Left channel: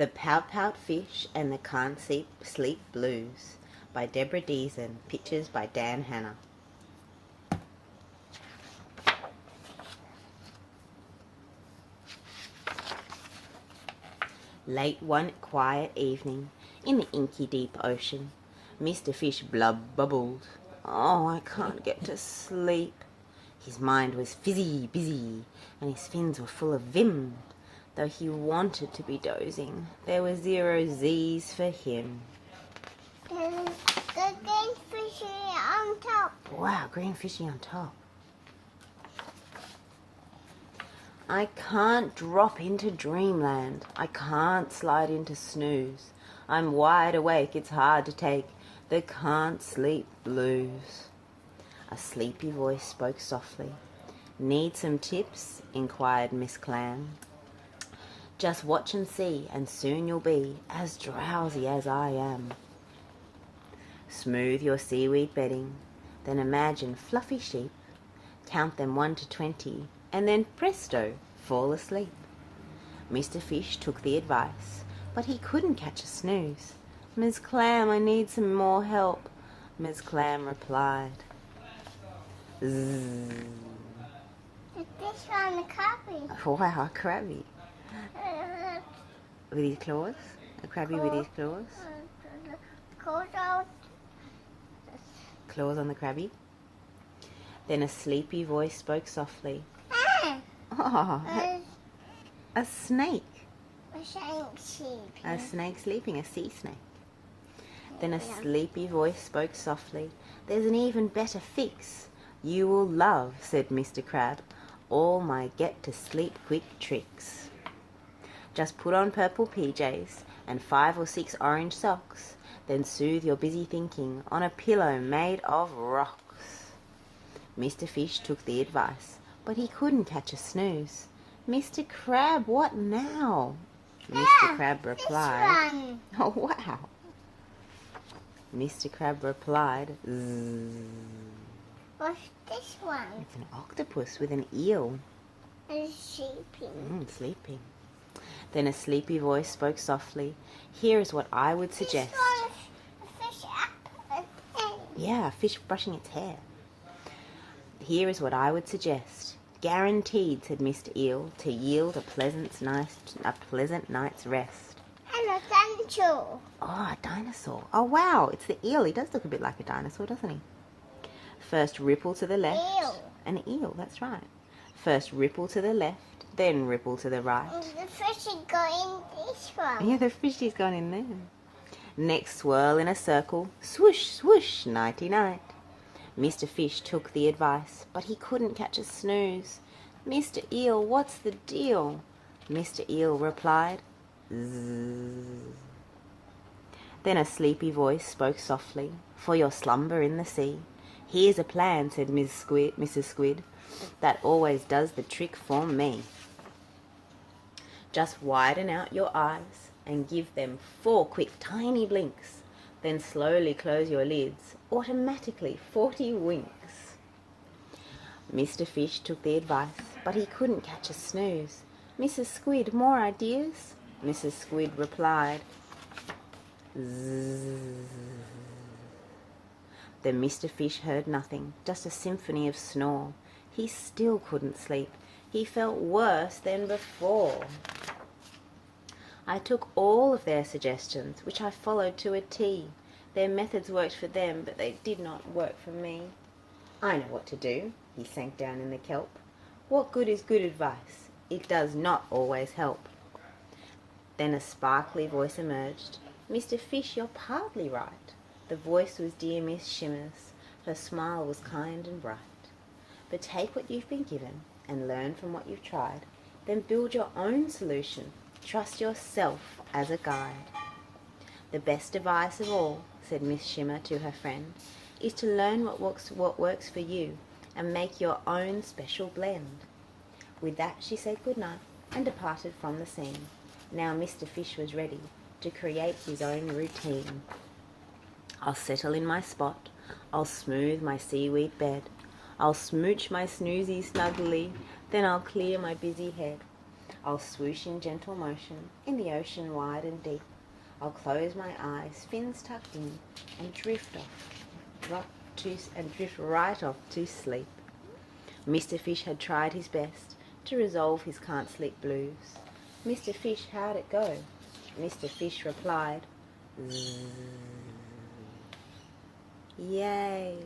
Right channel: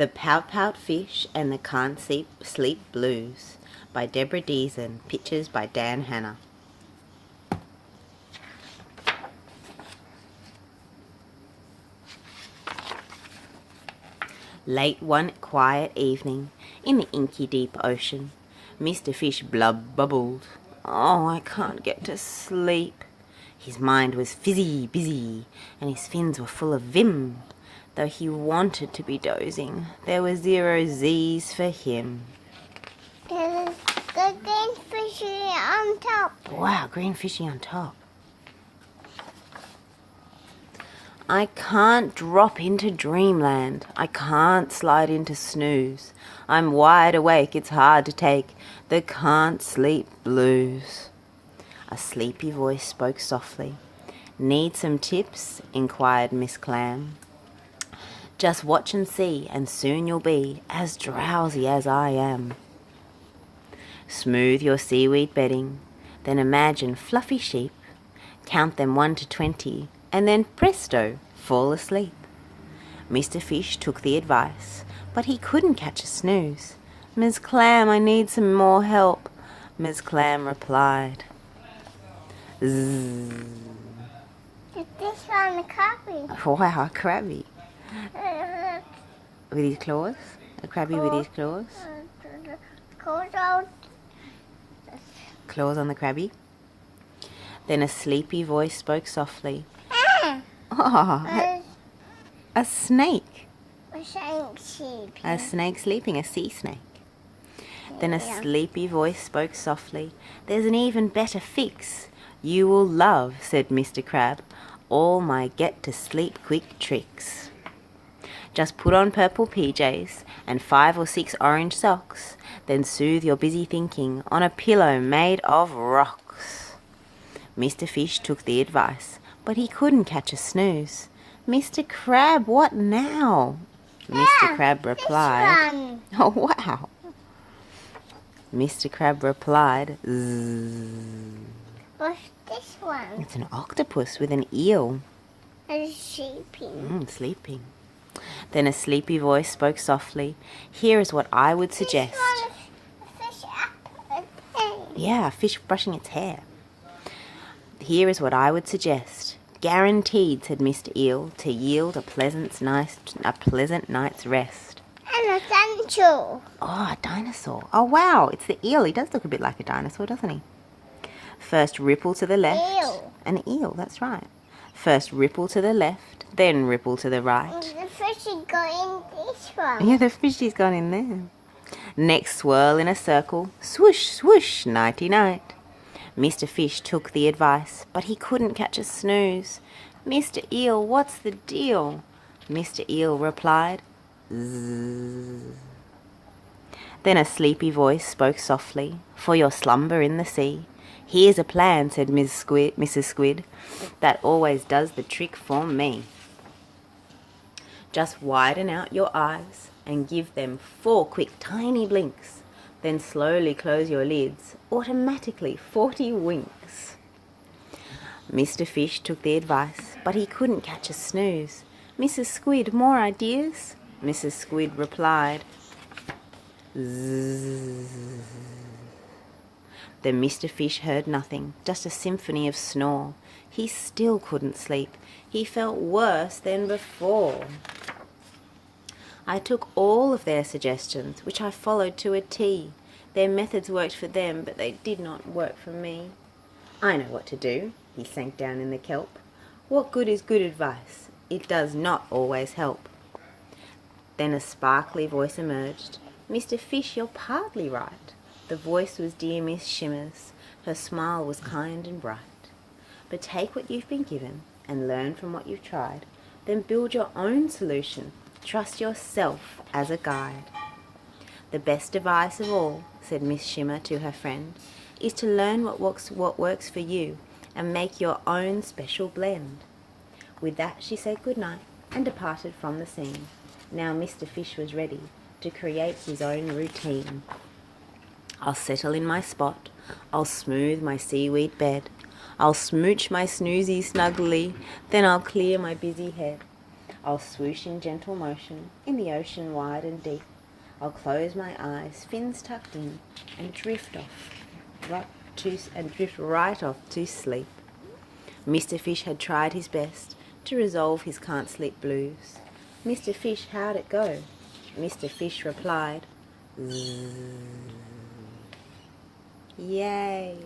The Pout Pout Fish and the Can't Sleep Blues by Deborah Deisen. Pictures by Dan Hanna. Late one quiet evening, in the inky deep ocean, Mr. Fish bubbled. "Oh, I can't get to sleep." His mind was fizzy busy, and his fins were full of vim. Though he wanted to be dozing, there were 0 Z's for him. There's the green fishy on top. Wow, green fishy on top. I can't drop into dreamland. I can't slide into snooze. I'm wide awake, it's hard to take the can't sleep blues. A sleepy voice spoke softly. "Need some tips?" inquired Miss Clam. "Just watch and see, and soon you'll be as drowsy as I am." Smooth your seaweed bedding, then imagine fluffy sheep. Count them 1 to 20, and then presto, fall asleep. Mr. Fish took the advice, but he couldn't catch a snooze. "Miss Clam, I need some more help," Miss Clam replied. Zzz. This one, the crabby. Wow, a crabby. With his claws? A crabby with his claws? Claws on the crabby. Then a sleepy voice spoke softly. Oh, a snake. A snake sleeping, a sea snake. Then a sleepy voice spoke softly. "There's an even better fix. You will love," said Mr. Crab, "all my get-to-sleep quick tricks. Just put on purple PJs and 5 or 6 orange socks, then soothe your busy thinking on a pillow made of rocks." Mr. Fish took the advice, but he couldn't catch a snooze. "Mr. Crab, what now?" Mr. Crab replied. Oh, wow. Mr. Crab replied, "Zzz." What's this one? It's an octopus with an eel. It's sleeping. Sleeping. Then a sleepy voice spoke softly. "Here is what I would suggest." This one is a fish apple. Yeah, a fish brushing its hair. "Here is what I would suggest. Guaranteed," said Mr. Eel, "to yield a pleasant night's rest." And a dinosaur. Oh, a dinosaur. Oh, wow, it's the eel. He does look a bit like a dinosaur, doesn't he? First ripple to the left. Eel. An eel, that's right. First ripple to the left, then ripple to the right. The fish is going this one. Yeah, the fishy's gone in there. Next swirl in a circle. Swoosh, swoosh, nighty-night. Mr. Fish took the advice, but he couldn't catch a snooze. "Mr. Eel, what's the deal?" Mr. Eel replied. Zzz. Then a sleepy voice spoke softly. "For your slumber in the sea, here's a plan," said Mrs. Squid, "that always does the trick for me. Just widen out your eyes and give them 4 quick tiny blinks. Then slowly close your lids, automatically 40 winks." Mr. Fish took the advice, but he couldn't catch a snooze. "Mrs. Squid, more ideas?" Mrs. Squid replied. Zzz. Then Mr. Fish heard nothing, just a symphony of snore. He still couldn't sleep. He felt worse than before. "I took all of their suggestions, which I followed to a T. Their methods worked for them, but they did not work for me. I know what to do." He sank down in the kelp. "What good is good advice? It does not always help." Then a sparkly voice emerged. "Mr. Fish, you're partly right." The voice was dear Miss Shimmer's. Her smile was kind and bright. "But take what you've been given and learn from what you've tried. Then build your own solution. Trust yourself as a guide." "The best advice of all," said Miss Shimmer to her friend, "is to learn what works for you and make your own special blend." With that she said good night and departed from the scene. Now Mr. Fish was ready to create his own routine. "I'll settle in my spot. I'll smooth my seaweed bed. I'll smooch my snoozy snugly. Then I'll clear my busy head. I'll swoosh in gentle motion in the ocean wide and deep. I'll close my eyes, fins tucked in, and drift right off to sleep. Mr. Fish had tried his best to resolve his can't sleep blues. Mr. Fish, how'd it go? Mr. Fish replied, "Zzz." Yay!